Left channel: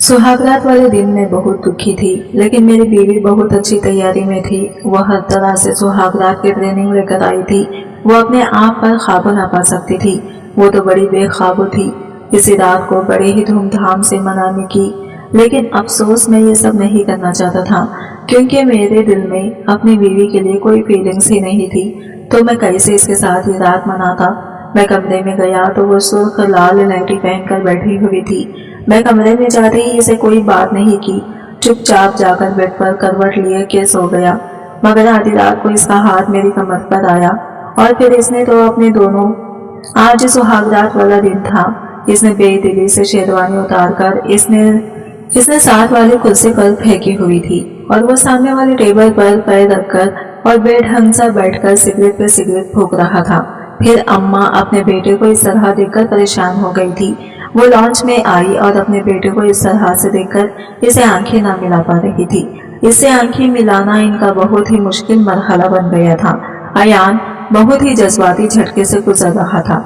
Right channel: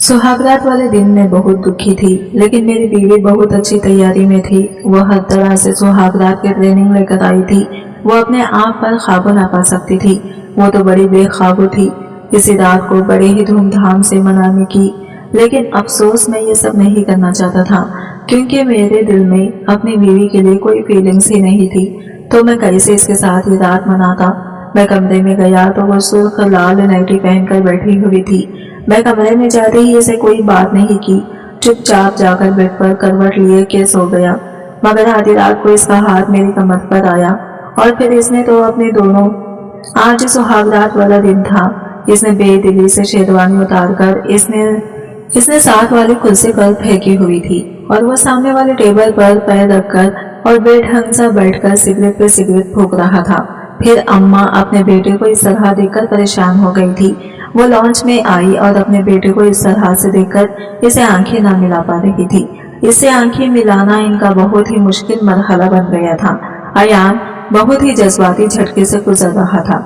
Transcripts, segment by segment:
सुहागरात वाले दिन मैं बहुत दुखी थी, लेकिन मेरी बीवी बहुत अच्छी तैयारी में थी। वह हर तरह से सुहागरात की ट्रेनिंग लेकर आई थी। वो अपने आप पर काबू ना पा सकती थी। वो तो बड़ी बेकाबू थी इसी रात को बड़े ही धूमधाम से मनाने की। लेकिन अफसोस मैं ये सब नहीं करना चाहता था, क्योंकि मेरे दिल में अपनी बीवी के लिए कोई फीलिंग्स ही नहीं थी। तो मैं कैसे इसके साथ ये रात मनाता। मैं कमरे में गया तो वो सुर्ख लाल नाइटी पहनकर बैठी हुई थी। मैं कमरे में जाते ही इसे कोई बात नहीं की, चुपचाप जाकर बेड पर करवट लिए के सो गया। मगर आधी रात को इसका हाथ मेरी कमर पर आया और फिर इसने तो अपने दोनों, आज सुहागरात वाला दिन था, इसने बेदिली से शेरवानी उतारकर इसने साथ वाली कुर्सी पर फेंकी हुई थी और वो सामने वाले टेबल पर पैर रखकर और बेढंग सा बैठकर सिगरेट पे सिगरेट फूंक रहा था। फिर अम्मा अपने बेटे को इस तरह देखकर परेशान हो गई थी। वो लॉन्च में आई और अपने बेटे को इस तरह से देखकर इसे आंखें ना मिला पा रही थी। इससे आंखें मिलाना इनका बहुत ही मुश्किल मरहला बन गया था। अयान बहुत ही जज्बाती झटके से गुजर रहा था।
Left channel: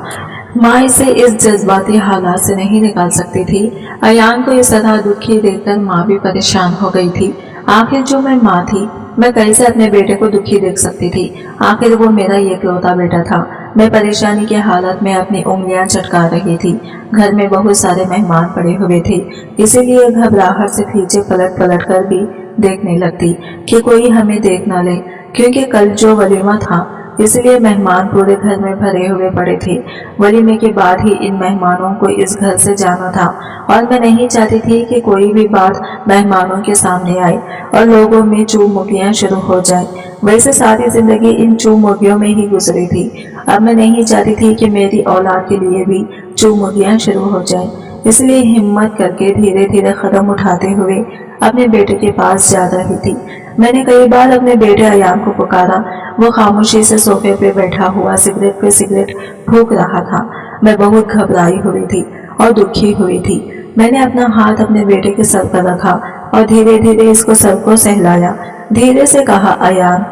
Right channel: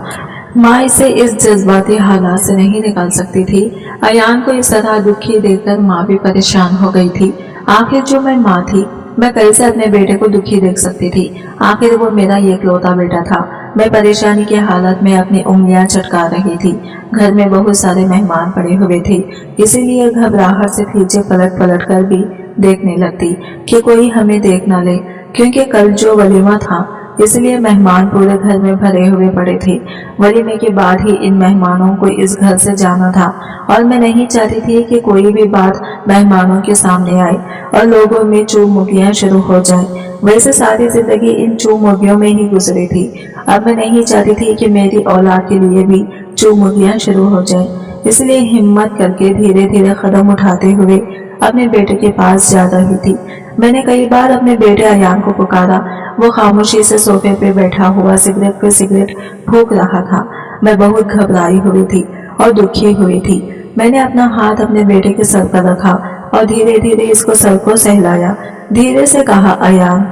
माँ इसे इस जज्बाती हालात से नहीं निकाल सकती थी। अयान को इस तरह दुखी देखकर माँ भी परेशान हो गई थी। आखिर जो मैं माँ थी, मैं कैसे अपने बेटे को दुखी देख सकती थी। आखिर वो मेरा इकलौता बेटा था। मैं परेशानी की हालत में अपनी उंगलियां चटका रही थी। घर में बहुत सारे मेहमान पड़े हुए थे, इसीलिए घबराहट से पीछे पलट पलट कर भी देखने लगती कि कोई हमें देख न ले, क्योंकि कल जो वलीमा था इसलिए मेहमान पूरे घर में भरे हुए पड़े थे। वलीमे के बाद ही इन मेहमानों को इस घर से जाना था और मैं नहीं चाहती थी कि कोई भी बात मेहमानों के सामने आए और लोगों में चूम मुगियां शुरू हो जाए। वैसे सारी जिंदगी इन चूम मुगियों में ही गुजरी थी। अब मैं नहीं चाहती थी कि मेरी औलाद के लिए भी चूम मुगियां शुरू हो जाए। इसलिए हिम्मत करके धीरे धीरे कदम उठाते हुए अपने बेटे के पास जा रही थी। मैंने कई बार अपने बेटे अयान को पुकारा। वो खामोशी से सोफे पे बैठा हुआ सिगरेट पे सिगरेट फूंक रहा था। मैं बहुत घबराई हुई थी और दुखी हुई थी। मैंने अपना हाथ अपने बेटे के सर पर रखा और धीरे धीरे इसको सर को सहलाया। धीरे से कहा, अयान।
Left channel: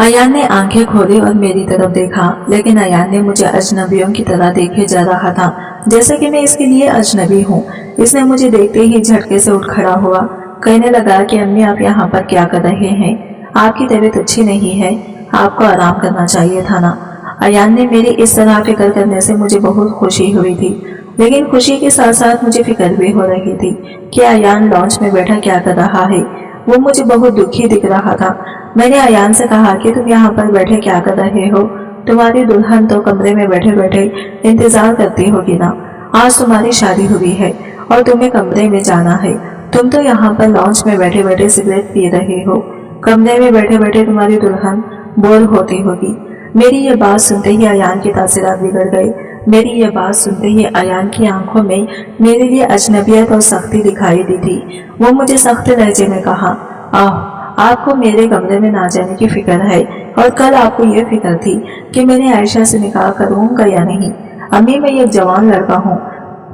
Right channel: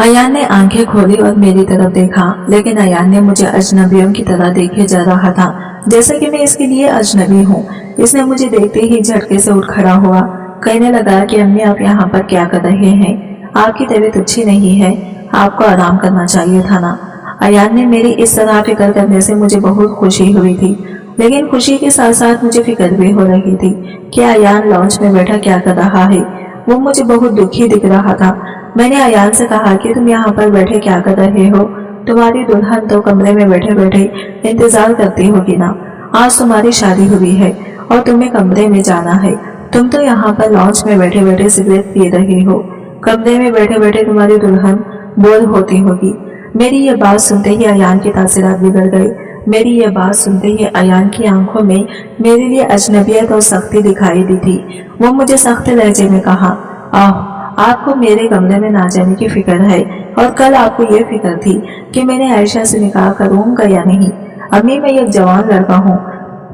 अयान ने आंखें खोली और मेरी तरफ देखा, लेकिन अयान ने मुझे अजनबियों की तरह देखे जा रहा था, जैसे कि मैं इसके लिए अजनबी हूँ। इसने मुझे देखते ही झटके से उठ खड़ा हुआ। कहने लगा कि अम्मी, आप यहाँ पर क्या कर रहे हैं? आपकी तबीयत अच्छी नहीं है, आपको आराम करना चाहिए था ना। अयान ने मेरी इस तरह फिक्र करने से मुझे बहुत खुशी हुई थी, लेकिन खुशी के साथ साथ मुझे फिक्र भी हो रही थी कि अयान लॉन्च में बैठा क्या कर रहा है। वो मुझे बहुत दुखी दिख रहा था। मैंने अयान से कहा कि तुम यहाँ पर बैठे क्या कर रहे हो? तुम्हारी दुल्हन तो कमरे में बैठे बैठे इंतजार करती होगी ना। आज तुम्हारी शादी हुई है और तुम्हें कमरे में जाना है। तुम तो यहाँ पर लॉन्च में बैठे बैठे सिगरेट पी रहे हो। कमरे में बैठे बैठे तुम्हारी दुल्हन बोर होती होगी। मेरी ये बात सुनते ही अयान की तासीरात बिगड़ गई। मेरी ये बात सुनते ही अयान की आंखों में मेरे लिए अजनबियत और सख्ती दिखाई दी थी। वो मुझे सख्त लहजे में कहा, आपको मेरे कमरे में ना जाने की फिक्र है, और कल आपको ये फिक्र थी कि मैंने आयशा से निकाह करूंगा या नहीं। अम्मी, मैं एक जवान लड़का हूँ,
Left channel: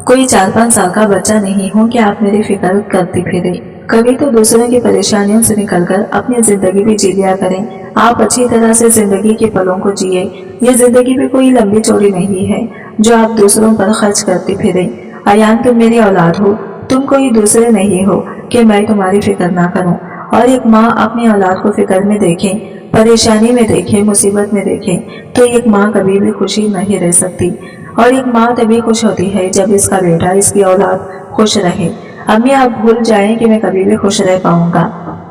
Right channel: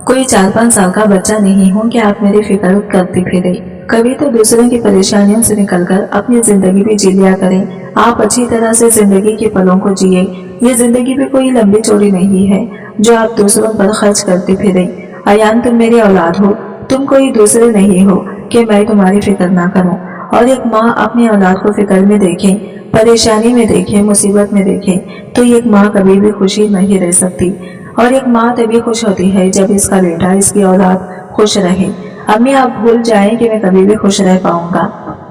कोई 4-5 साल का बच्चा नहीं हूँ कि आप मेरी फिक्र करती फिरे। कभी तो दूसरों की परेशानियों से निकलकर अपनी जिंदगी भी जी लिया करें। आप अच्छी तरह से जिंदगी के पलों को जिए। ये जिंदगी भी कोई लंबी चौड़ी नहीं है जो आप दूसरों पर खर्च करती फिरे। अयान, तुम मेरी औलाद हो, तुम कोई दूसरे नहीं हो कि मैं तुम्हारी फिक्र ना करूं। और एक माँ अपनी औलाद को फिक्र में देखे, परेशानी में देखे, मुसीबत में देखे, तो एक माँ कभी भी खुशी नहीं रह सकती। और एक माँ तभी खुश होती है जब इसका बेटा, इसकी औलाद खुश रहे। अम्मी, आप भूल जाएं कि मैं कभी भी खुश रह पाऊंगा।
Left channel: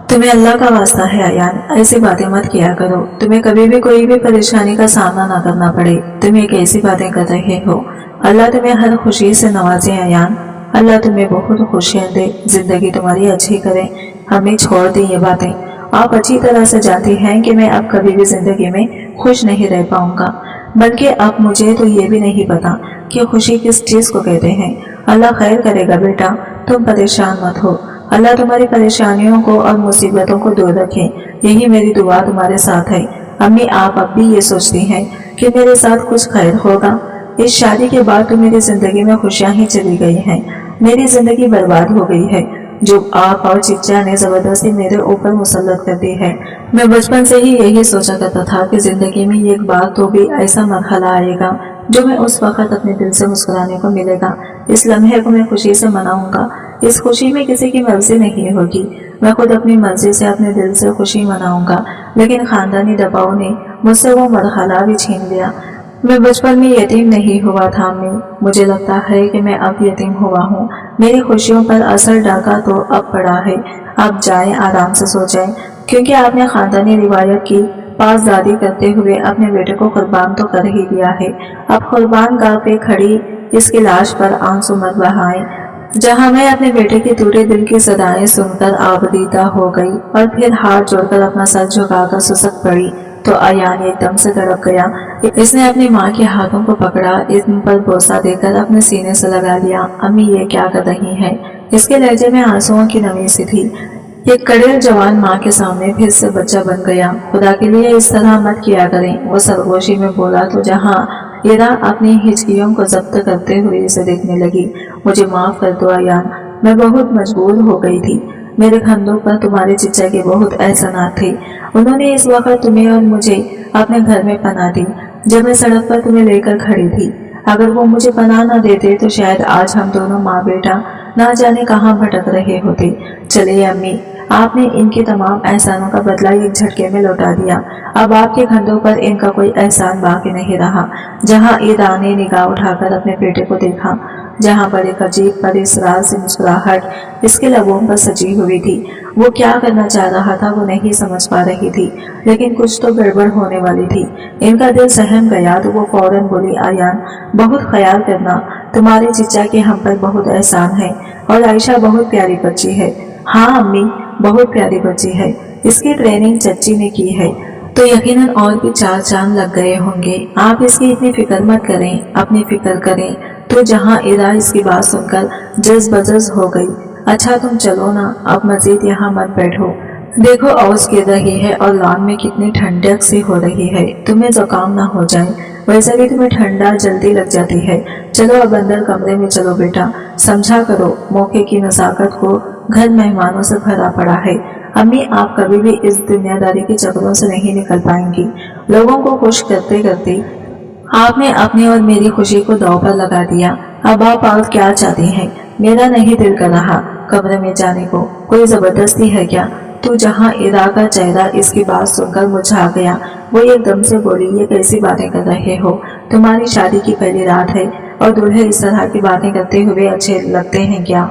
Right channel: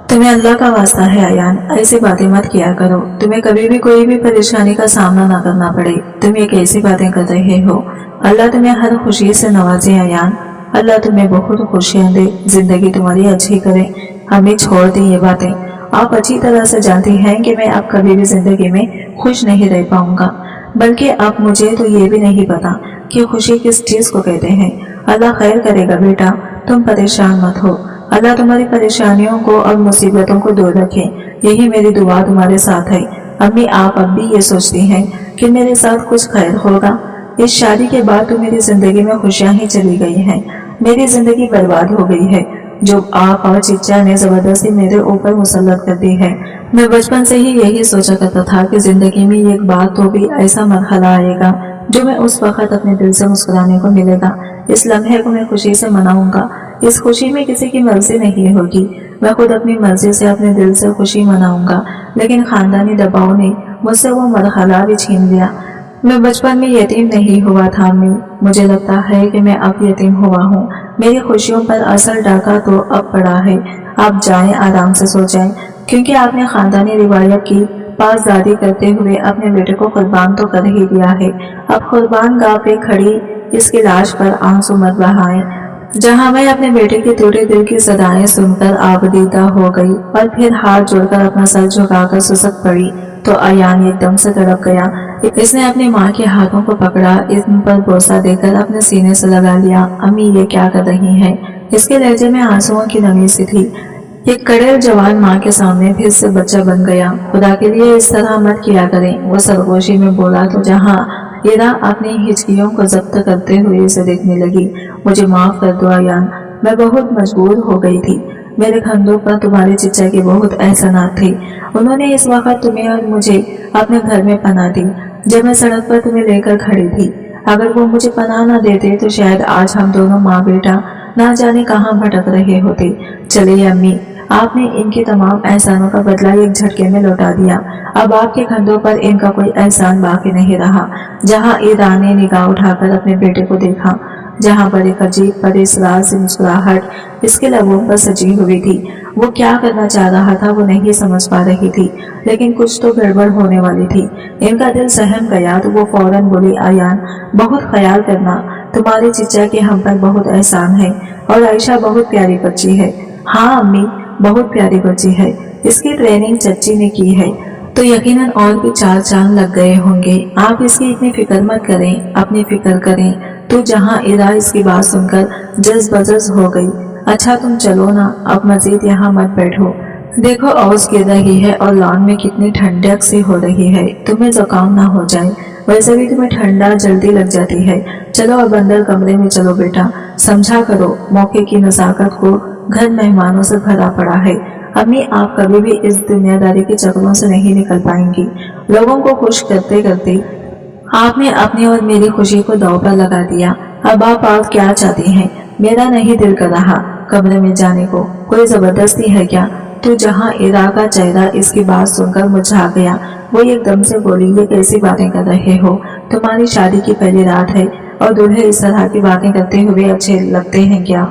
तुम्हें अल्लाह का वास्ता है अयान, ऐसी बातें मत किया करो। तुम्हें कभी भी कोई भी परेशानी का सामना ना करना पड़े। तुम ये कैसी बातें कर रहे हो? अल्लाह तुम्हें हर खुशी से नवाजे अयान। अल्लाह तुम्हें बहुत खुशियां दे, जिंदगी तुम्हारी अच्छी करे। हमें छोड़ दी ये बातें। आप अच्छी तरह से जानती हैं कि मैं अब कभी भी जिंदगी में खुश नहीं रह पाऊंगा। बल्कि अब मुझे तो ये भी नहीं पता कि खुशी किस चीज को कहते हैं। अल्लाह खैर करेगा बेटा, तुम परेशान मत हो। अल्लाह तुम्हारी परेशानियों को और मुसीबतों को दूर रखे, यही मेरी दुआ तुम्हारे साथ है। अम्मी, आप अब भी ये सोचती हैं कि मेरे साथ कुछ खैर होगा? इस शादी के बाद तो मेरी जिंदगी में खुशियां ही चली गई हैं। मेरी जिंदगी बर्बाद हो गई है जो आप और चिच्चा ने जबरदस्ती मेरे ऊपर मुसल्लत कर दी है। मैं बचपन से ही यही सोचा करता था कि जिंदगी में एक बार तो भी ऐसा मरहला आएगा जो मैं उस वक्त अपने दिल से मुस्कुराने को मिलेगा। इस लम्हे को मैं खुशी से मनाऊंगा। इस खुशी में किसी की मर्जी नहीं होगी। मैं खुद अपनी मर्जी से अपने दिल से खुशी मनाऊंगा, लेकिन खानदानी दबाव ने मुझसे वो मरहला भी छीन लिया। मैं बचपन में यतीम नहीं हुआ था अम्मी। मुझे लगता है कि मैं अब यतीम हुआ हूँ। मेरी खुशियों पर असर डाका तो अब पड़ा है। आप जाएं, आराम से सो जाएं, क्योंकि आपने खानदानी रिवायत की पासदारी करते हुए अपने बेटे को कुर्बान तो कर ही दिया है। अब कुर्बान गाह पे खड़ी इसकी लाश पर आंसू मत बहाएं। जहां मैं अपने बेटे के टूटे दिल की सदाएं सुनकर आबदीदा हो गई और फिर हाथ जोड़कर अपना सर झुकाकर सुसक पड़ी, तो अयान एकदम से तड़प गया। इसने अपनी माँ के हाथों को पकड़ा, इन पर बोसा देकर अपने सीने से लगा लिया। अम्मी ये क्या कर रही हैं? इसके लहजे में आंसुओं की नमी सी थी। एक कड़ेल जवान माँ के सामने फिर से बच्चा बन गया। खुदा के लिए इस तरह मत किया करें, वो सरगोशी में बोला तो जहाँ इरा अपनी हिचकियों को जब्त करते हुए इसे देखने लगी। मुझे माफ कर दो अयान, मैं बहुत मजबूर हो गई थी। मेरे कंधों पर तुम्हारे चिच्चा के बहुत एहसानात थे। उन्होंने इस वक्त तुम्हें और मुझे अपने घर में पनाह दी जब मैं सड़क पर तुम्हें लेकर खड़ी थी। अगर वो मुझे पनाह न देते तो शायद आज हम दोनों माँ बेटा ना जाने कहाँ भटक रहे होते। चले अम्मी, आपने इनके तमाम एहसानों का बदला एक झटके में लौटा दिया। अब आपके कंधों पर इनका कोई एहसान बाकी नहीं रहा। जहाँ ईरा ने निगाह उठाकर अपने बेटे को देखा, जहाँ पर एक अजीब परिसरार से मुस्कुराहट इसके लबों पर सजी हुई थी। वो क्या करना चाह रहा था वो नहीं समझ पा रही थी, लेकिन कुछ तो गड़बड़ होने वाली थी। इनका दिल सहम गया तो वो फौरन बोली, अयान बहुत ख्याल करना, तुम्हारे चिच्चा के हम पर बहुत एहसान है और आयशा बहुत प्यारी बच्ची है। हाँ अम्मी, बहुत प्यारी बच्ची है। इसकी ट्रेनिंग चच्ची ने की है तो यकीनन और भी 4 चांद लग गए होंगे। आप इसकी इतनी फिक्र मत करें, अपनी फिक्र करें। तो जहाँ इरा इसकी बात सुनकर जज बजज हो गई। अच्छा तुम चलो ना, अब मजीद यहाँ मत बैठो। देखो ओस गिर रही है और लॉन में कितनी ठंडक सी हो रही है, तुम्हें जुकाम ना हो जाए। वैसे भी तुम्हें ठंडा जल्दी लग जाती है। चलो अब अंदर कमरे में चलो बेटा, समझा करो मौके की नजाकत को, घर मेहमानों से भरा पड़ा है। अम्मी आप कभी भी इस दुनियादारी के चक्रों से नहीं निकल पाएंगी। लोगों को खुश करते करते आपने अपनी और मेरी खुशी को दांव पर लगा दिया। अब आप और क्या चाहती हैं? मेरा नहीं दिल कर रहा कमरे में जाने को। कोई जबरदस्ती है क्या? तो जहाँ इरा का चेहरा इसकी बात सुनकर मुरझा गया, वो एकदम से बोली, ये कैसी बातें कर रहे हो? तुम्हारी शादी की पहली रात है और दूल्हे इस तरह की बातें करते हुए अच्छे लगते हैं क्या?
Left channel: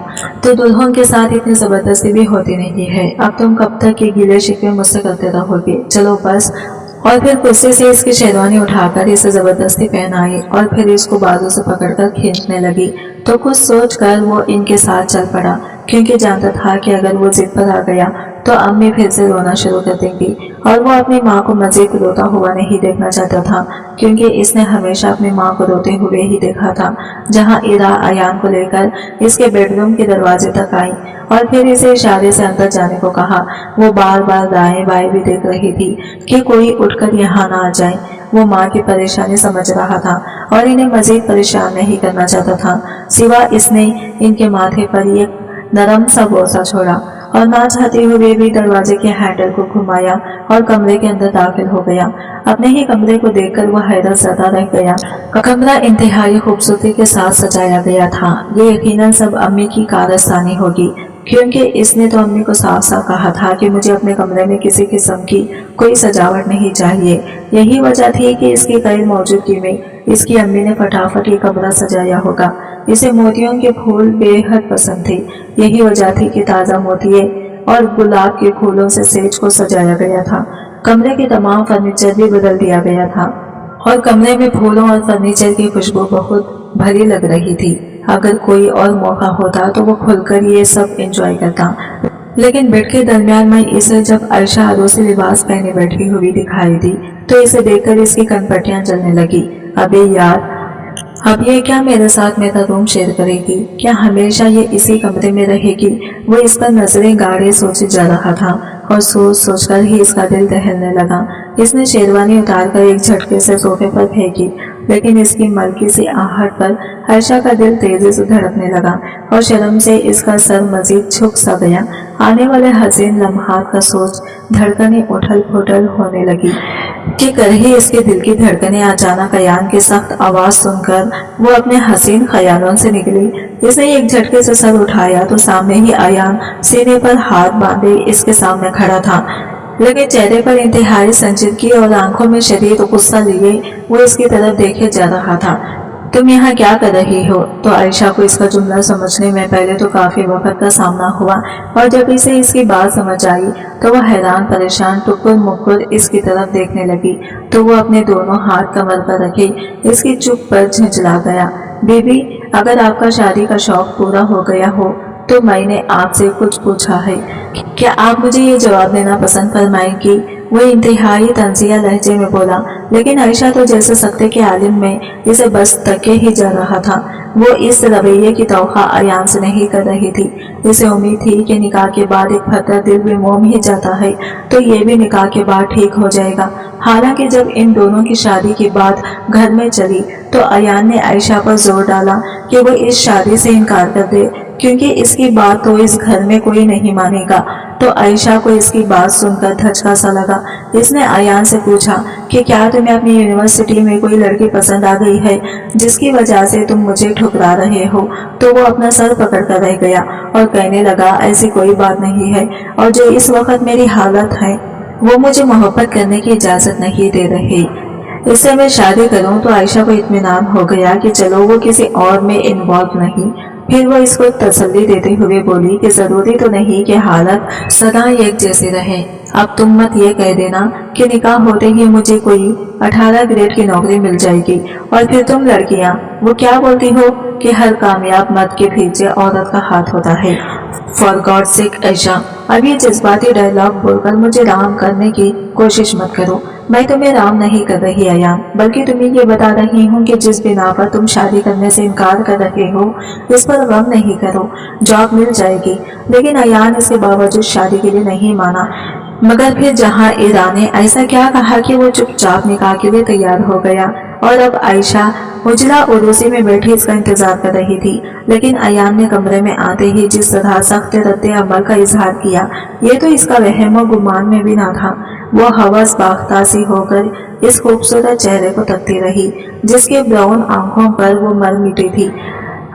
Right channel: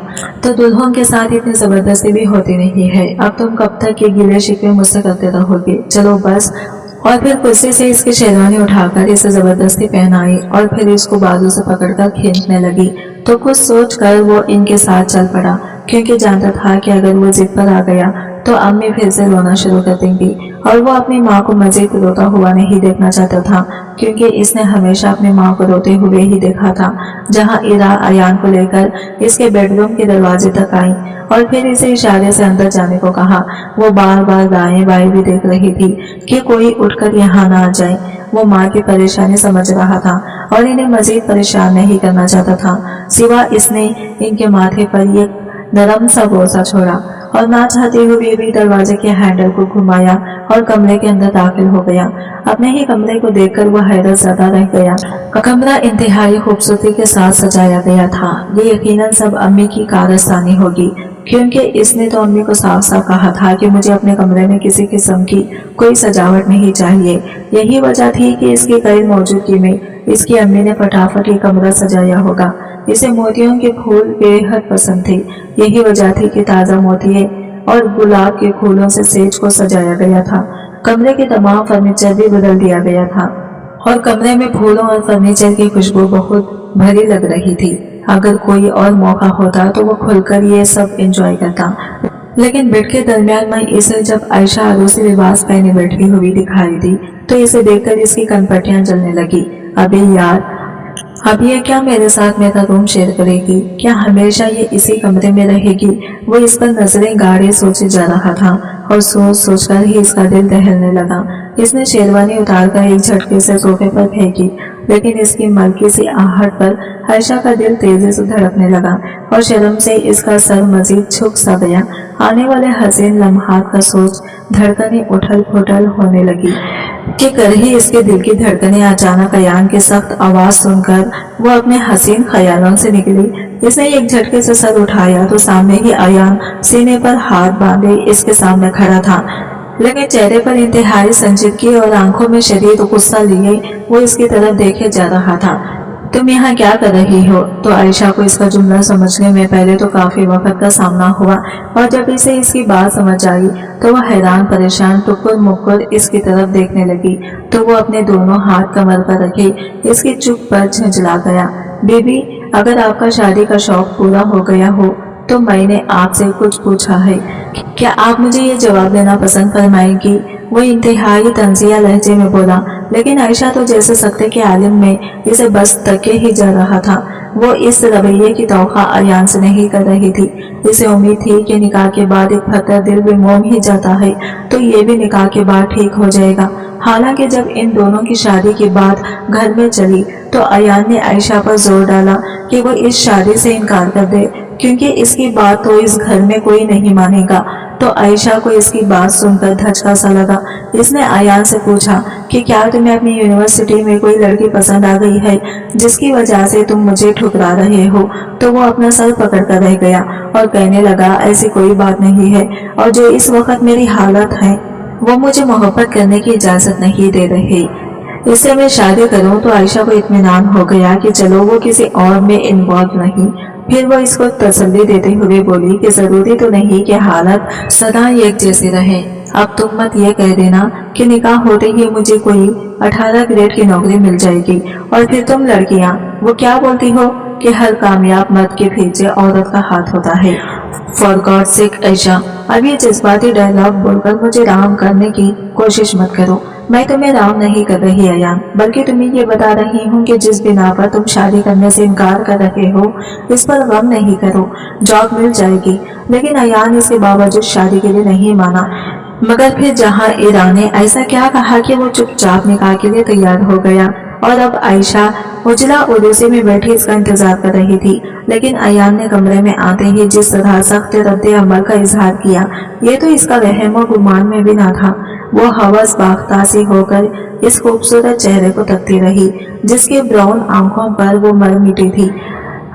तो दुल्हों के साथ इतनी जबरदस्ती भी होती नहीं है। अब तुम कब तक ये गिले शिकवे मुझसे करते रहोगे? चलो बस। और फिर कुर्सी से इसकी शेरवानी उठाकर इसे जबरदस्ती पहनाई और फिर इसको बाजू से पकड़कर खींचने लगी। तो कुछ सोचकर वो इनके साथ चल पड़ा, क्योंकि जानता था कि अगर वो जिद पर आ गया तो अम्मी फिर से रोना शुरू कर देंगी और वो अपनी माँ को मजीद रोता हुआ नहीं देखना चाहता था, क्योंकि इसने हमेशा अपनी माँ को रोते हुए ही देखा था। जहाँ इरा अयान को लेकर इसके बेडरूम के दरवाजे तक आई और फिर इसे इशारे से अंदर जाने को कहा। वो बार बार दाएं बाएं भी देख रही थी कि कोई उठकर यहाँ ना आ जाए। वो माँ की परेशानी समझ रहा था और इन्हें मजीद परेशान नहीं करना चाहता था। सिवा इसने इनके माथे पर एक नरम सा बोसा छोड़ा और ना चाहते हुए भी दरवाजे के हैंडल को घुमाया और कमरे के अंदर दाखिल हो गया। अपने ही कमरे को देखकर वह हैरत ज़दा रह गया। कमरा इंतहाई खूबसूरती के साथ सजाया गया था। ये यकीनन सब अम्मी की कारस्तानी होगी, क्योंकि इसने तो अम्मी को साफ साफ कहा था कि मुझे अपने कमरे में किसी किस्म की कोई सजावट नहीं चाहिए। यही वजह थी कि इसकी गैर मौजूदगी में इसकी अम्मी ने फटाफट ये कमरा सजाया होगा। इसे मोतियों के फूल बेहद पसंद थे। यही वजह थी कि ताज़ा मोतिये और गुलाब के फूलों से सेज को सजाया गया था। कमरे के तमाम फर्नीचर भी बदल दिया गया था और कमरे में फूलों और फर्नीचर की खुशबू बहुत भरी लग रही थी। अगर कोई और मौका होता तो वो खुलकर ये सब एंजॉय करता, लेकिन बेड के दरमियान में इसे जब आयशा आरोसी लिबास पहने बैठी हुई दिखाई दी तो इसे देखकर इसकी कनपटियां जलने लगी। अबे यार, अब ये क्या मेरे साथ मेरा रूम शेयर करेगी? क्या हमेशा ये इसी कमरे में रहेगी? वो इस पर नजरें गाड़े सोचे जा रहा था और सोच सोचकर ही इसका दिल दहलने लगा। इसने शेरवानी उतारकर एक झटके से सोफे पर फेंकी, लेकिन इसकी मलकी सी आहट पर आयशा का दिल तेजी से धड़कने लगा और शर्म से इसका सर मजीद झुक सा गया। आने वाले हसीन लम्हात का सोच धड़कनें उठल फुटल होने लगी कि कर ही इसके दिल की धड़कनें अचानक अयान की सख्त आवाज सुनकर वो अपने हसीन ख्यालों से निकली। इसने एक झटके से सर उठाया तो सामने ही अयान सीने पर हाथ बांधे इसके सामने खड़ा था, लेकिन चेहरे पर इंतहाई संजीदगी और आंखों में शदीद गुस्सा लिए वो इसकी तरफ देखे जा रहा था। तुम यहाँ क्या कर रही हो? तो आयशा को इसका जुमला समझने में पहले तो काफी वक्त का सामना हुआ, और जब इसे इसकी बात समझ आई तो वह हैरान परेशान टुकुर मुकुर इसकी तरफ देखने लगी। तो वो अपने दोनों हाथ कमर पर रखे इसकी चुप पर झंझला गया। बीबी, अगर आपका शादी का शौक पूरा हो गया हो तो मैंने आपसे कुछ पूछा है, क्या आप मुझे ये जवाब देना पसंद फरमाएंगी? वो इंतहाई तंजिया लहजे में बोला, लेकिन आयशा तो जैसे सकते के आलिम में इसे बस तके ही जा रहा था। वो इस रवैये की तौखा अयान से नहीं कर रही थी। इसे उम्मीद थी कि निकाह के बाद एक फतर दिल भी मोम ही जाता है तो ये भी निकाह के बाद ठीक हो जाएगा। हालांकि जब इन दोनों की शादी की बात घर में चली तो अयान ने आयशा पर जोर डाला कि वो इस शादी से इनकार कर दे, क्योंकि इसकी बात तो इस घर में कोई नहीं मानेगा। तो आयशा को इसकी बात सुनकर धचका सा लगा। इसने अयान से पूछा कि क्या तुम्हें अपनी यूनिवर्सिटी में कोई लड़की पसंद आ गई है जिसकी वजह से तुम मुझे ठुकरा रहे हो? तो वो अपना सर पकड़ कर रह गया और कहने लगा, ऐसी कोई बात नहीं है, और जो इस वक्त मेरी हालत है वो मुझे मोहब्बत करने की इजाजत नहीं दे रही। इससे मैं शादी करूं तो आयशा को इत्मीनान हो गया कि चलो वो किसी और में इन्वॉल्व नहीं। फिर वो इसको तसल्ली देते हुए बोली कि जरूरी तो नहीं कि हालत सदा एक जैसी रहे। अब तुम मत ये कह देना कि निकाह होते ही मुझे कोई 18 ग्रेड की नौकरी मिल जाएगी और फिर तुम लड़कियां वो क्या बोलती हो कि हर कामयाब मर्द के पीछे औरत का हाथ होता है। फॉर गॉड सेक आयशा, अब ये जज्बाती डायलॉग बोलकर मुझे राम करने की कोशिश मत करो। मैं तुम्हें राम नहीं कर रही अयान, बल्कि तुम्हें ये बता रही हूँ कि जिस बिना पर तुम शादी करने से इनकार कर रहे हो इस पर गम नहीं करो, जॉब मिल जाएगी। लेकिन अयान इसके बावजूद शादी के लिए नहीं माना। मगर फिर जहाँ ईरा ने ऐसा क्या कहा कि वो चुपचाप निकाह के लिए तैयार हो गया, और अब आयशा उजला उर्दूसी में बैठी इसका इंतजार कर रही थी। लेकिन अयान ने कमरे में आते ही जिस तरह सख्त रद्द अमल का इजहार किया, ये तो इसका वहम और गुमान में भी ना था। वो हवस बाख्ता सी होकर इस खूबसूरत चेहरे को तकती रही जिसके ब्राउन आंखों पर वो मर मिटी थी।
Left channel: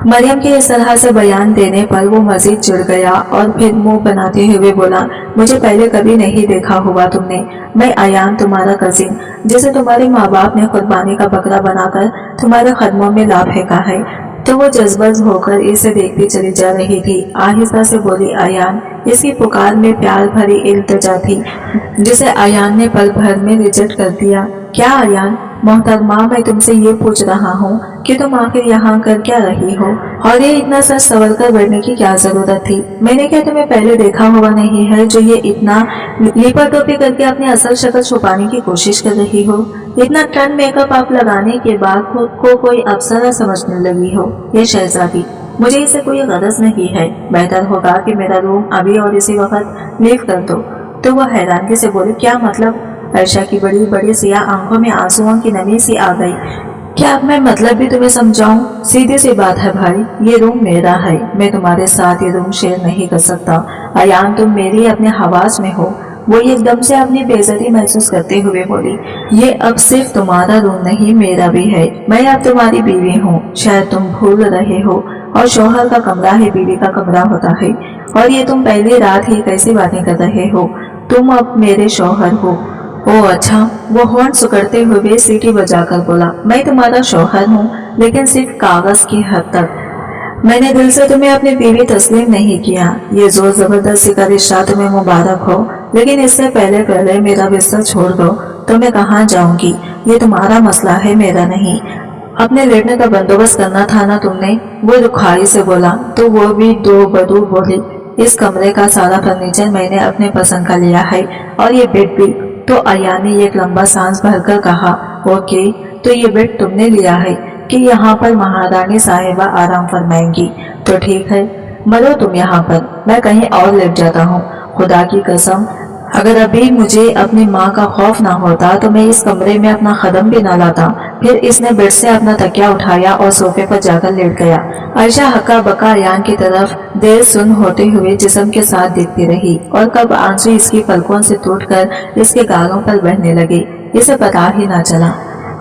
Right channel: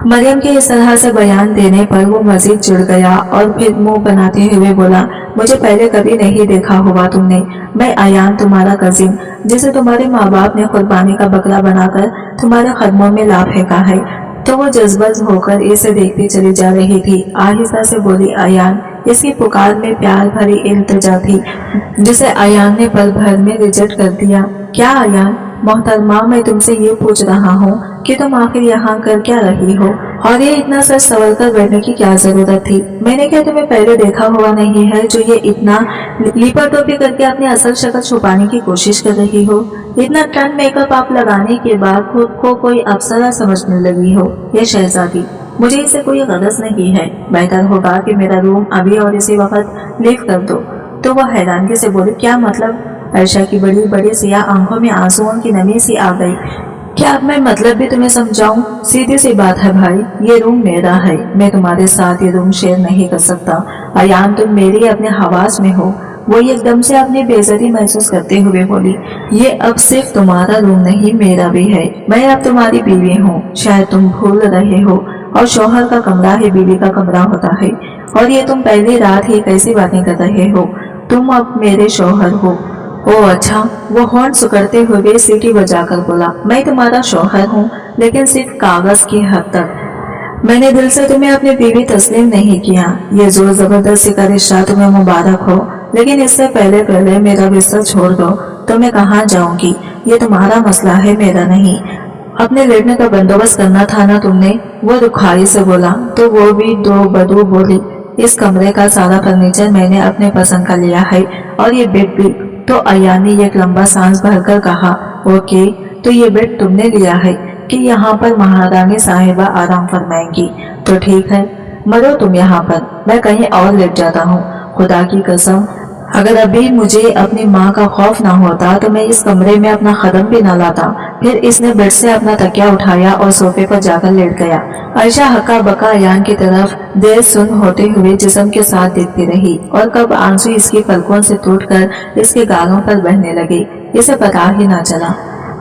मरियम के इस तरह से बयान देने पर वो मजीद चिढ़ गया और फिर मुंह बनाते हुए बोला, मुझे पहले कभी नहीं देखा हुआ तुमने। मैं अयान, तुम्हारा कजिन, जिसे तुम्हारे माँ बाप ने कुर्बानी का बकरा बनाकर तुम्हारे कदमों में ला फेंका है। तो वो जज्बज होकर इसे देखती चली जा रही थी। आहिस्ता से बोली अयान। इसकी पुकार में प्यार भरी इल्तिजा थी जिसे अयान ने पल भर में रिजेक्ट कर दिया। क्या अयान? मोहतरमा, मैं तुमसे ये पूछ रहा हूँ कि तुम आखिर यहाँ कर क्या रही हो, और ये इतना सच सवर कर बैठने की क्या जरूरत थी? मैंने क्या तुम्हें पहले देखा हुआ नहीं है जो ये इतना लिपा टोपी करके अपनी असल शक्ल छुपाने की कोशिश कर रही हो? इतना टन मेकअप आप लगाने के बाद खुद को कोई अप्सरा समझने लगी हो। ये शहजादी, मुझे इससे कोई गरज नहीं है। बेहतर होगा कि मेरा रूम अभी और इसी वक्त लीव कर दो। तो वह हैरानगी से बोली, क्या मतलब? आयशा की बड़ी बड़ी सियाह आंखों में आंसुओं की नमी सी आ गई। क्या अब मैं मतलब भी तुम्हें समझाऊं? सीधी सी बात है भाई, ये रूम मेरा है, मैं तुम्हारे साथ ये रूम शेयर नहीं कर सकता। अयान, तुम मेरी अपने हवास में हो। वो एकदम से अपनी बेइज्जती महसूस करते हुए बोली, ये अब सिर्फ तुम्हारा रूम नहीं मेरा भी है। मैं अब तुम्हारी बीवी हूँ, शायद तुम भूल रहे हो, और शौहर का कमरा ही बीवी का कमरा होता है। और ये तुम पहली रात ही कैसी बातें कर रहे हो? तुम अब मेरे शौहर हो। ओ अच्छा, वो होंठ सुकड़ते हुए सीटी बजाकर बोला, मैं तुम्हारा शौहर हूँ, लेकिन सिर्फ कागज की हद तक। मैंने दिल से तुम्हें अपनी बीवी तस्लीम नहीं किया। ये जोर जबरदस्ती का रिश्ता तुम्हें मुबारक हो, लेकिन इससे पहले पहले मेरा बिस्तर छोड़ दो तो मैं कहाँ जाऊंगी? ये तुम्हारा मसला है, मेरा नहीं। अपने लेटने का बंदोबस्त करना था ना तुमने? वो रुखाई से बोला। तो वो भी दो बदू बोली, इस कमरे का सारा फर्नीचर मैंने अपने पसंद का लिया है, और ये बेड भी। तो अयान ने एक लंबा सांस भरकर कहा, ओके, तो ये बेड तुमने लिया है कि यहाँ पर महारानी साहिबा आराम फरमाएंगी? तो ठीक है, मरो तुम यहाँ पर, मैं कहीं और लेट जाता हूँ। खुदा की कसम, अगर अभी मुझे अपनी माँ का खौफ ना होता तो मैं इस कमरे में अपना कदम भी ना लाता। फिर इसने बेड से अपना तकिया उठाया और सोफे पर जाकर लेट गया। आयशा हक्का बक्का अयान की तरफ देर सुन होते हुए जिस्म के साथ देखती रही, और कब आंसू इसकी पलकों से टूटकर इसके गालों पर बहने लगे इसे पता ही ना चला।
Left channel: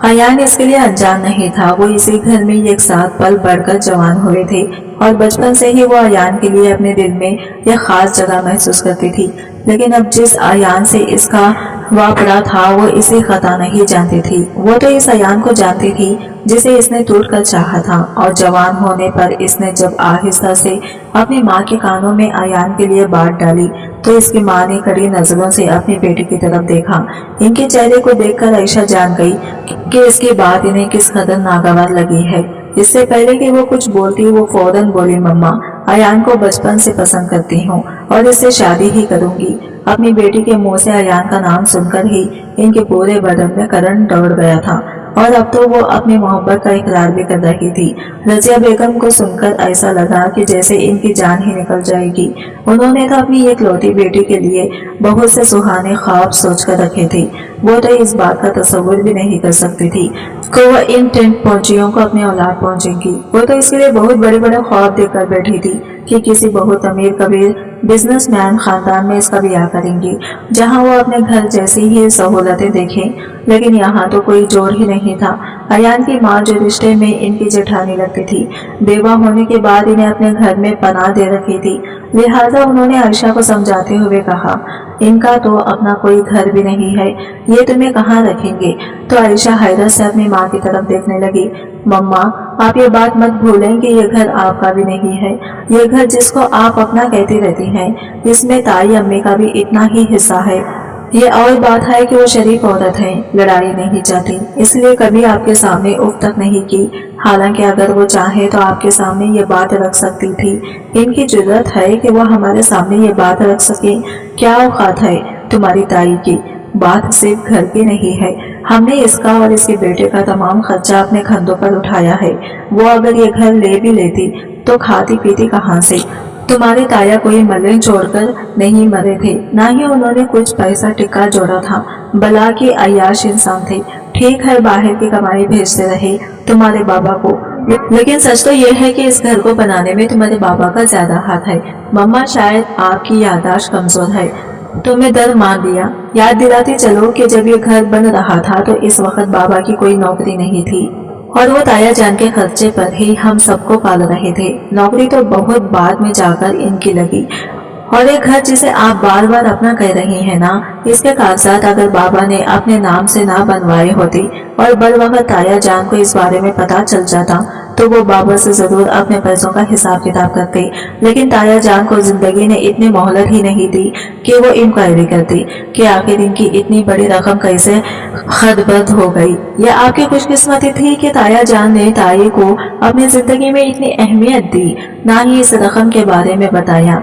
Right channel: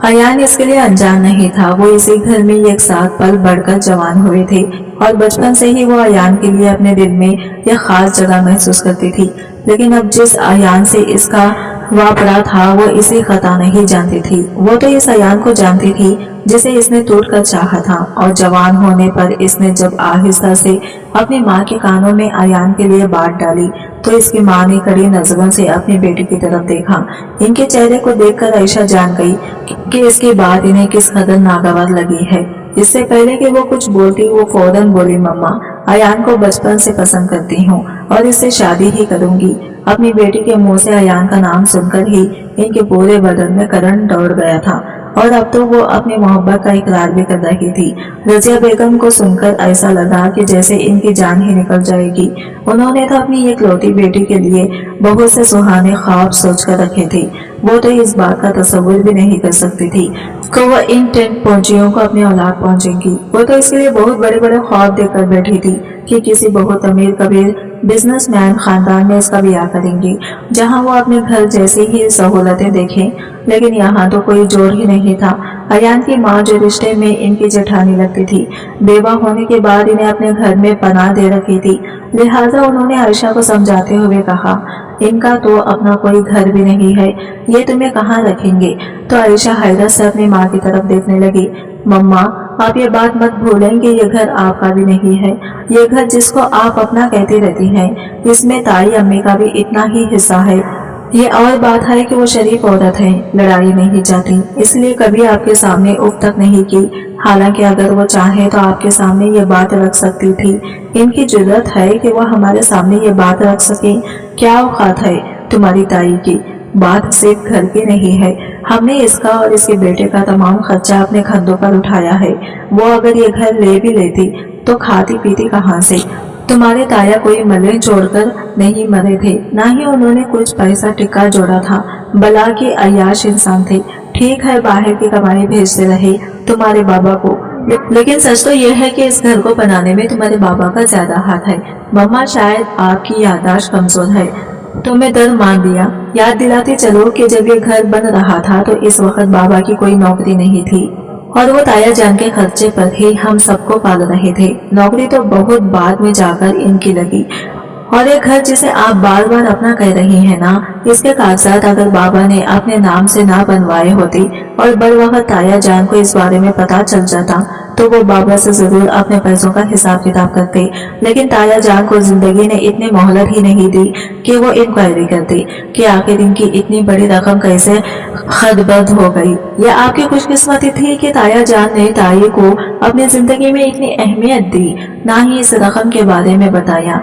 अयान इसके लिए अनजान नहीं था। वो इसी घर में एक साथ पल बढ़कर जवान हुए थे और बचपन से ही वो अयान के लिए अपने दिल में यह खास जगह महसूस करती थी। लेकिन अब जिस अयान से इसका वापड़ा था वो इसे खता नहीं जानती थी। वो तो इस अयान को जानती थी जिसे इसने टूट कर चाहा था। और जवान होने पर इसने जब आहिस्ता से अपनी माँ के कानों में अयान के लिए बात डाली तो इसकी माँ ने कड़ी नजरों से अपनी बेटी की तरफ देखा। इनके चेहरे को देखकर आयशा जान गई कि इसकी बात इन्हें किस कदर नागवार लगी है। इससे पहले कि वो कुछ बोलती वो फौरन बोली, मम्मा, अयान को बचपन से पसंद करती हूँ और इससे शादी ही करूंगी। अपनी बेटी के मुंह से अयान का नाम सुनकर ही इनके पूरे बदन में करंट दौड़ गया था और अब तो वो अपनी मोहब्बत का इकरार भी कर रही थी। रजिया बेगम को सुनकर ऐसा लगा कि जैसे इनकी जान ही निकल जाएगी। उन्होंने तो अपनी इकलौती बेटी के लिए बहुत से सुहाने ख्वाब सोच कर रखे थे। वो तो इस बात का तस्वुर भी नहीं कर सकती थी कि वो इन टेंट पहुंचियों को अपनी औलाद पहुंचेगी। वो तो इसके लिए बहुत बड़े बड़े ख्वाब देखकर बैठी थी कि किसी बहुत अमीर कबीर बिजनेसमैन खानदान में इसका ब्याह करेंगी, जहां वो अपने घर जैसी ही सहूलतें देखें। लेकिन यहाँ तो कोई जोड़ ही नहीं था। अयान की माँ जो रिश्ते में इनकी जेठानी लगती थी, बेवा होने के बाद इन्हें अपने घर में पनाह दे रखी थी। लिहाजा उन्होंने आयशा को समझाते हुए कहा, इनका तो अपना कोई घर भी नहीं है, ये तुम्हें कहाँ रखेंगे। तो आयशा हैरत से अपनी माँ की तरफ देखने लगी। मम्मा, आप ये बात मत भूलें कि ये घर आपका भी नहीं है। ये घर जिसको आप अपना कहती रहती हैं, इसमें ताई अम्मी का भी इतना ही हिस्सा है। ये और बात है कि वो शरीफ औरत है, लड़ाई नहीं चाहती, इसलिए कभी आपके सामने उफ तक नहीं की। हालांकि अगर वो चाहे तो आपके सामने ये बात रख सकती थी। इनकी जुर्रत है कि वो हमारे सामने ये बात रख सके। क्या औकात है तुम्हारी ताई की। बात सिर्फ घर की नहीं है, हमने इसका और इसके बेटे का तमाम खर्चा अपने कंधों पर उठाया है। वो अगर ये घर ले भी लेती तो खाती पीती कहाँ से। तुम्हारे ताया कोई मल्ले छोड़कर नहीं मरे थे, ना ही उन्होंने कुछ पैसा टिक्का जोड़ा था। बला के अय्याश इंसान थे। ठीक है, बाहर की कमाई भेजते रहे तुम्हारे बाबा को, लेकिन सच तो यह है कि इस घर को बनाने में तुम्हारे बाबा का ज्यादा हाथ है। मम्मा, शायद आपकी याददाश्त कमजोर है तो मैं डर मान लिया। याद दिलाती चलो कि जब ये घर बन रहा था तो इस वक्त बाबा की कोई नौकरी नहीं थी और वो ताया जान के खर्चे पर ही हम सबको पाल रहे थे। नौकरी तो बहुत बाद में जाकर इनकी लगी। और एक घर जिसे आप बार बार अपना कह रही हैं ना, इसके कागजात अगर बाबा ने अपने नाम से ना बनवाए होते और बर वक्त ताया जान को इस बारे में पता चल जाता तो वो बाबा से जरूर अपने पैसों का हिसाब किताब करते। लेकिन ताया जान को जिंदगी ने इतनी मोहलत ही नहीं दी कि वो इंक्वायरी करती कि आखिर इनकी इतनी बड़ी रकम कैसे खदबद हो गई। यह आपकी खुशकिस्मती थी कि ताया जान ने ताई को अपनी जिंदगी में इतनी अहमियत दी, ना ही इस रकम के बारे में बताया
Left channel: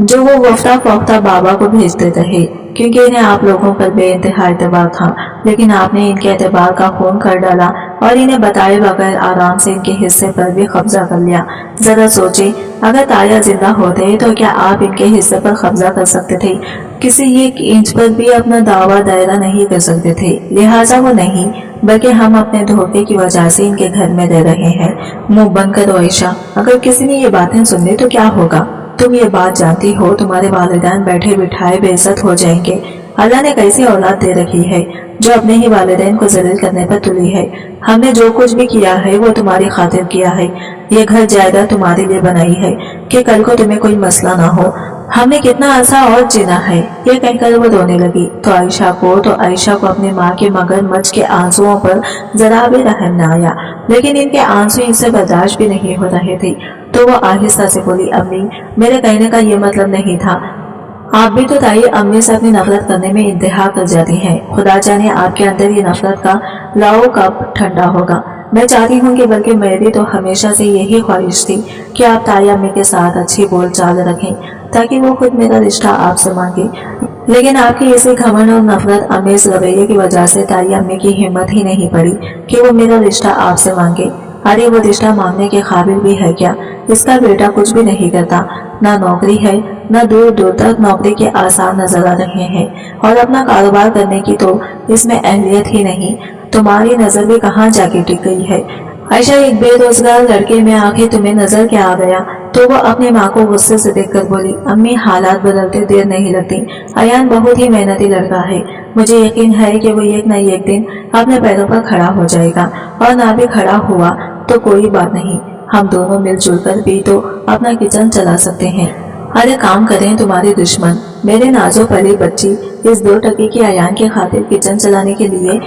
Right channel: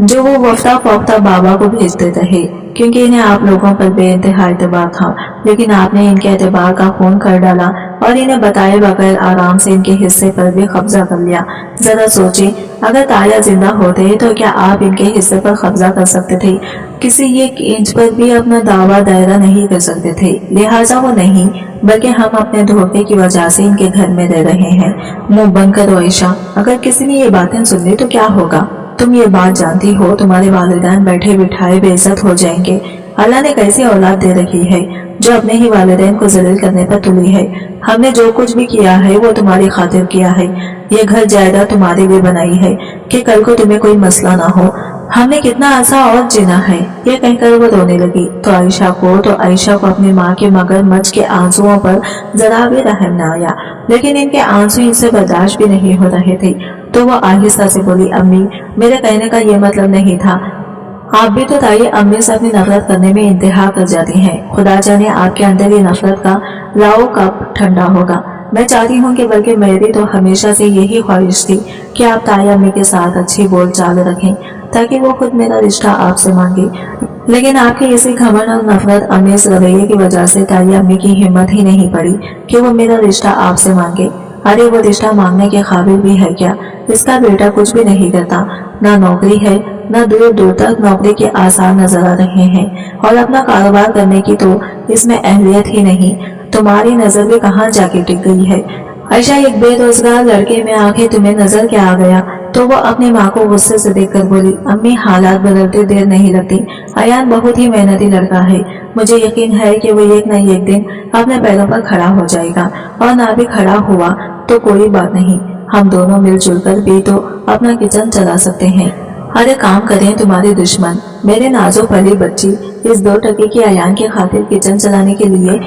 जो वो वफ्ता फौफ्ता बाबा को भेजते रहे, क्योंकि इन्हें आप लोगों पर बेइंतहा एतबार था। लेकिन आपने इनके एतबार का खून कर डाला और इन्हें बताए बगैर आराम से इनके हिस्से पर भी कब्जा कर लिया। जरा सोचे, अगर ताया जिंदा होते तो क्या आप इनके हिस्से पर कब्जा कर सकते थे? किसी एक इंच पर भी अपना दावा दायरा नहीं कर सकते थे। लिहाजा वो नहीं, बल्कि हम अपने धोखे की वजह से इनके घर में रह रहे हैं। मुंह बंद करो आयशा, अगर किसी ने ये बातें सुन ली तो क्या होगा? तुम ये बात जानती हो तुम्हारे वालिदैन बैठे बिठाए बेइज्जत हो जाएंगे। अल्लाह ने कैसी औलाद दे रखी है जो अपने ही वालिदैन को जलील करने पर तुली है। हमने जो कुछ भी किया है वो तुम्हारी खातिर किया है। ये घर जायदाद तुम्हारे लिए बनाई है कि कल को तुम्हें कोई मसला ना हो। हमने कितना अर्सा और जीना है। ये कहकर वो रोने लगी तो आयशा को अपनी माँ के मगरमच्छ के आंसुओं पर जरा भी रहम न आया। लेकिन इनके आंसू इनसे बर्दाश्त भी नहीं हो रहे थे तो वो आहिस्ता से बोली, अम्मी, मेरे कहने का ये मतलब नहीं था। आप भी तो ताई अम्मी से अपनी नफरत करने में इंतहा कर जाती हैं। खुदा जाने आपके अंदर ये नफरत का लाओ कब ठंडा होगा। मैं चाहती हूँ कि बल्कि मेरी तो हमेशा से यही ख्वाहिश थी कि आप ताई अम्मी के साथ अच्छी बोलचाल रखें ताकि वो खुद मेरा रिश्ता आपसे मांगे। लेकिन आपके इसी घमंड और नफरत अमेज रवैये की वजह से ताई अम्मी की हिम्मत ही नहीं पड़ी कि वो मेरा रिश्ता आपसे मांगे। अरे वो रिश्ता मांगने के काबिल भी है क्या? इसका बेटा कुछ भी नहीं करता, ना नौकरी है, ना दूर दूर तक नौकरी के आसार नजर आ रहे हैं और अपना कारोबार करने की तो इसमें अहलियत ही नहीं। तुम्हारी नजर भी कहाँ जाके टिक गई है? आयशा, एक बेरोजगार लड़के में आखिर तुम्हें नजर क्या आ गया? तो वह अपनी माँ को गुस्से से देखकर बोली, अम्मी, हालात बदलते देर नहीं लगती। अयान बहुत ही मेहनती लड़का है। मुझे यकीन है कि वो एक न एक दिन अपने पैरों पर खड़ा हो जाएगा और ना भी खड़ा हुआ तो कोई बात नहीं। हम दोनों मिलजुल कर भी तो अपना किचन चला सकते हैं। अरे काम करें तुम्हारे दुश्मन। मेरे नाजो पली बच्ची इस 2 टके की अयान की खातिर किचन चलाने के लिए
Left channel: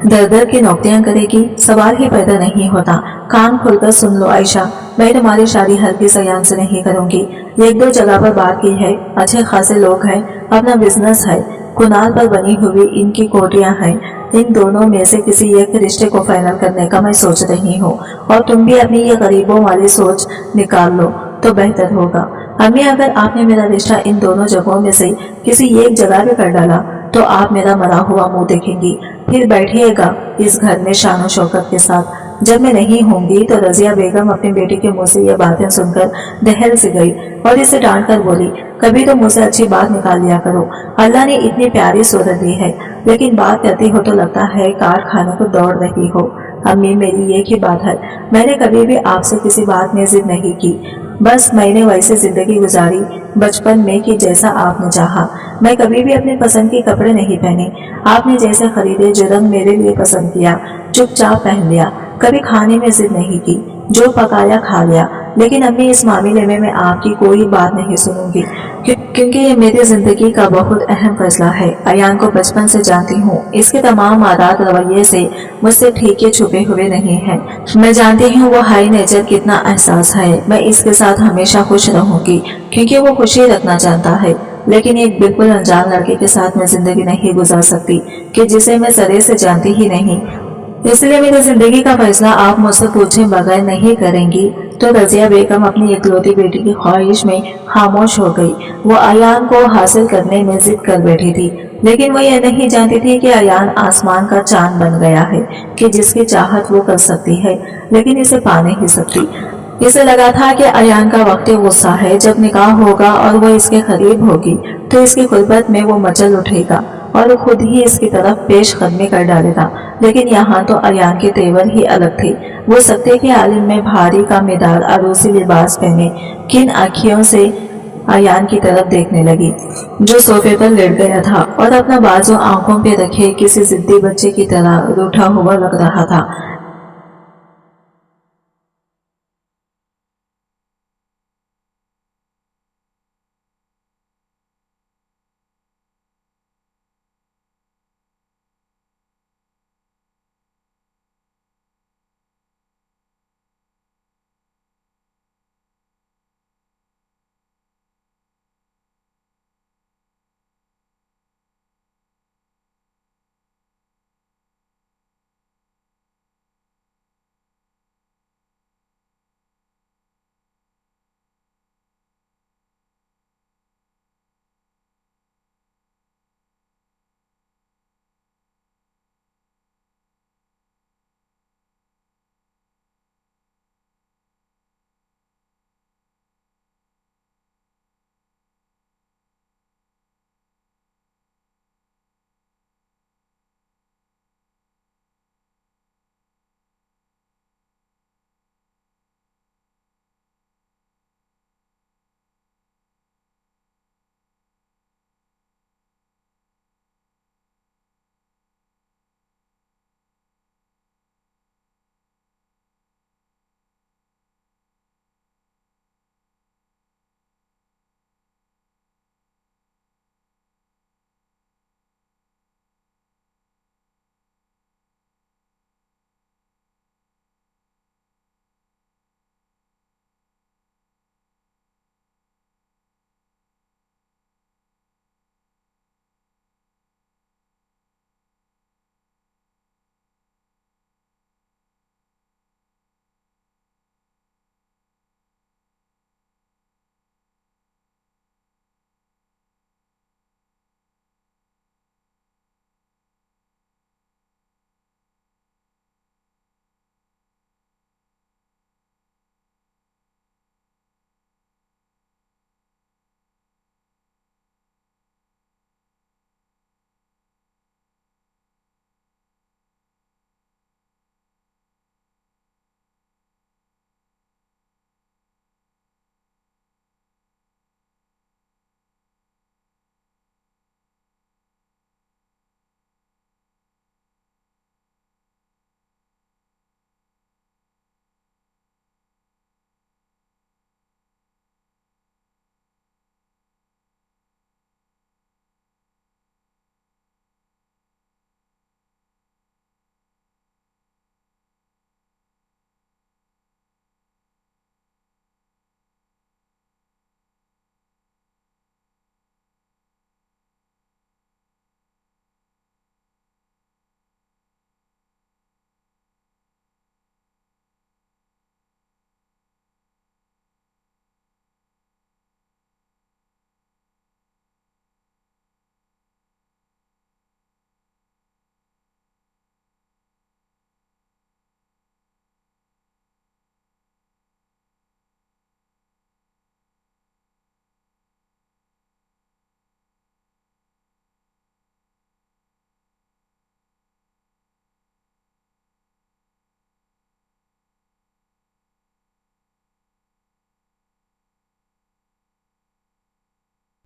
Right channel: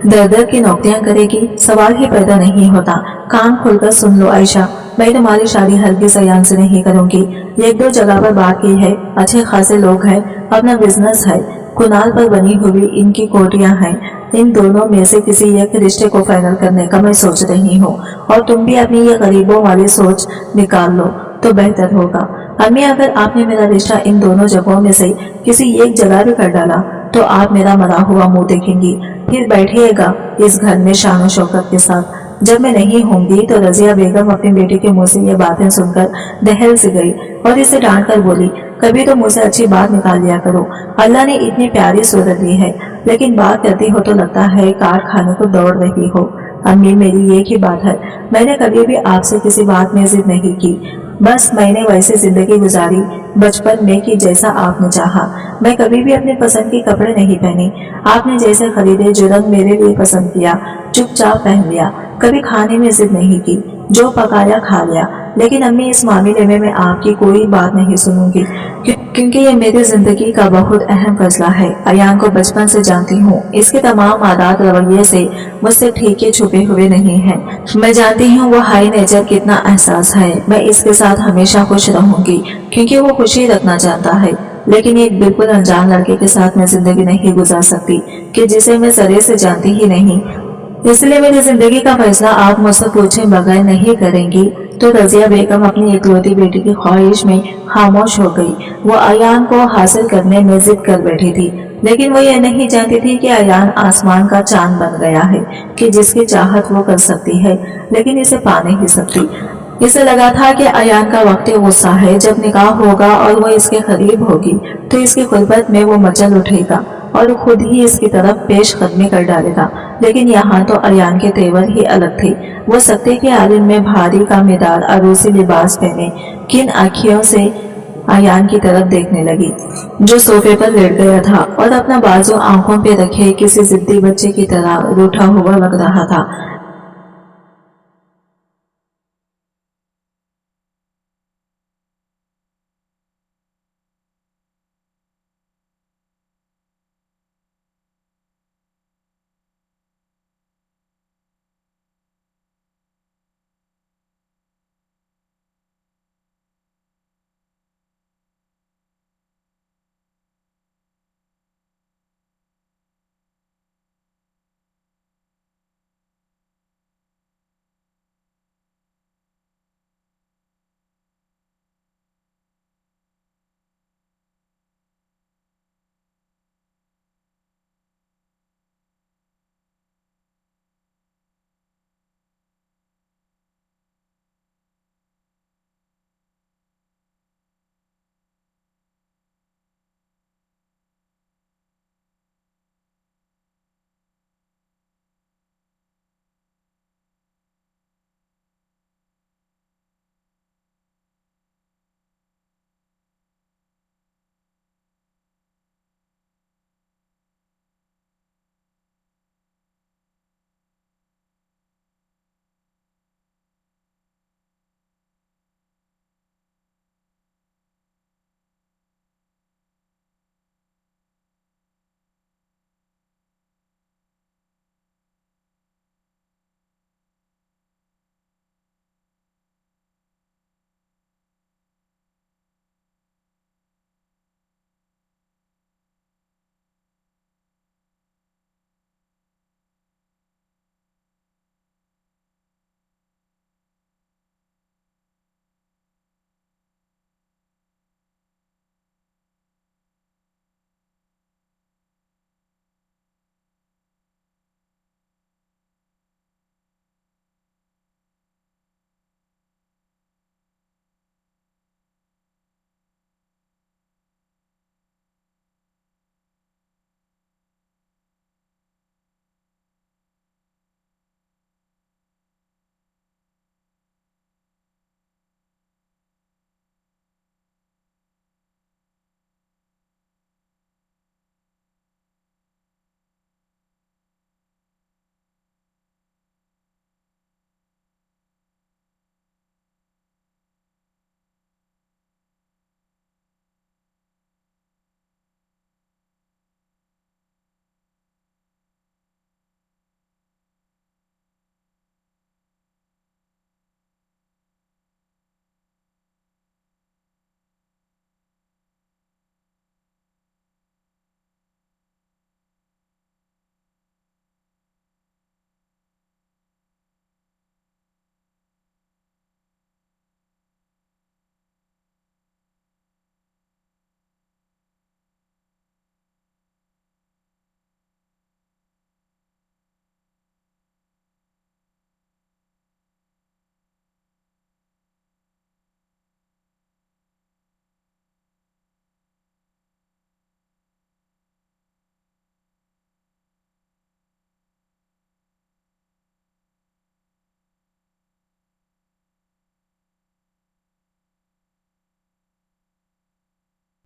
दर दर की नौकरियां करेगी, सवाल ही पैदा नहीं होता। कान खोलकर सुन लो आयशा, मैं तुम्हारी शादी हरगिज अयान से नहीं करूंगी। 1-2 जगह पर बात की है, अच्छे खासे लोग हैं, अपना बिजनेस है, कुनाल पर बनी हुई इनकी कोठियां हैं। इन दोनों में से किसी एक रिश्ते को फाइनल करने का मैं सोच रही हूँ और तुम भी अपनी ये गरीबों वाली सोच निकाल लो तो बेहतर होगा। अम्मी, अगर आपने मेरा रिश्ता इन दोनों जगहों में से किसी एक जगह भी कर डाला तो आप मेरा मरा हुआ मुंह देखेंगी, फिर बैठिएगा इस घर में शान शौकत के साथ। जब मैं नहीं होंगी तो रजिया बेगम अपनी बेटी के मुंह से ये बातें सुनकर दहल से गई और इसे डांट कर बोली, कभी तो मुझसे अच्छी बात निकाल लिया करो। अल्लाह ने इतनी प्यारी सूरत दी है, लेकिन बात करती हो तो लगता है कार खाने को दौड़ रही हो। अम्मी, मेरी एक ही बात है, मैंने कभी भी आपसे किसी बात में जिद नहीं की, बस मैंने वैसे जिंदगी गुजारी बचपन में कि जैसा आपने चाहा। मैं कभी भी अपनी पसंद के कपड़े नहीं पहने, आपने जैसे खरीदे जो रंग मेरे लिए पसंद किया चुपचाप पहन लिया। कभी खाने में जिद नहीं की, जो पकाया खा लिया। लेकिन अम्मी, इस मामले में मैं आपकी कोई बात नहीं सुनूंगी, क्योंकि ये मेरी जिंदगी का बहुत अहम फैसला है। अयान को बचपन से जानती हूँ, इसके तमाम आदत रवैये से मुझसे ठीके छुपे हुए नहीं हैं। मैं जानती हूँ वो हाई नेचर कितना एहसास है। मैं इसके साथ हमेशा खुश रहूंगी क्योंकि वो खुशी रखना चाहता है, लेकिन एक बिल्कुल अनजान लड़के के साथ मैं जिंदगी नहीं गुजार सकती कि जिसे मैं सरे से जानती ही नहीं। इसलिए मेरी जिंदगी का फैसला आप मुझसे पूछे बगैर नहीं करेंगी। तो रजिया बेगम अपनी इकलौती बेटी की ख्वाहिश में खामोश हो गई। वो अयान को हासिल करने में जिद कर बैठी थी, लेकिन वो ये नहीं जानती थी कि अयान आसमान का चांद बन गया है कि जिसकी चाहत वो कर सकती है, लेकिन इसे पा नहीं सकती। इसे लगा था कि अयान का वक्त गुस्सा है, जब निकाह होगा और वो इसके करीब होगी तो इसकी खुरबत में वो मचल उठेगा और खुद ही इसकी तरफ पेश कदमी कर डालेगा। लेकिन यहाँ तो अयान के तेवर ही अलग थे। वो सत्ते के आलिम में भारी का मिदार अरूसी लिबास पहने किन आँखियों से अयान की तरफ देखने लगी, जो सोफे पर लेट गया था और अपना बाजू आंखों पे रखे किसी जिद्दी बच्चे की तरह रूठा हुआ लग रहा था।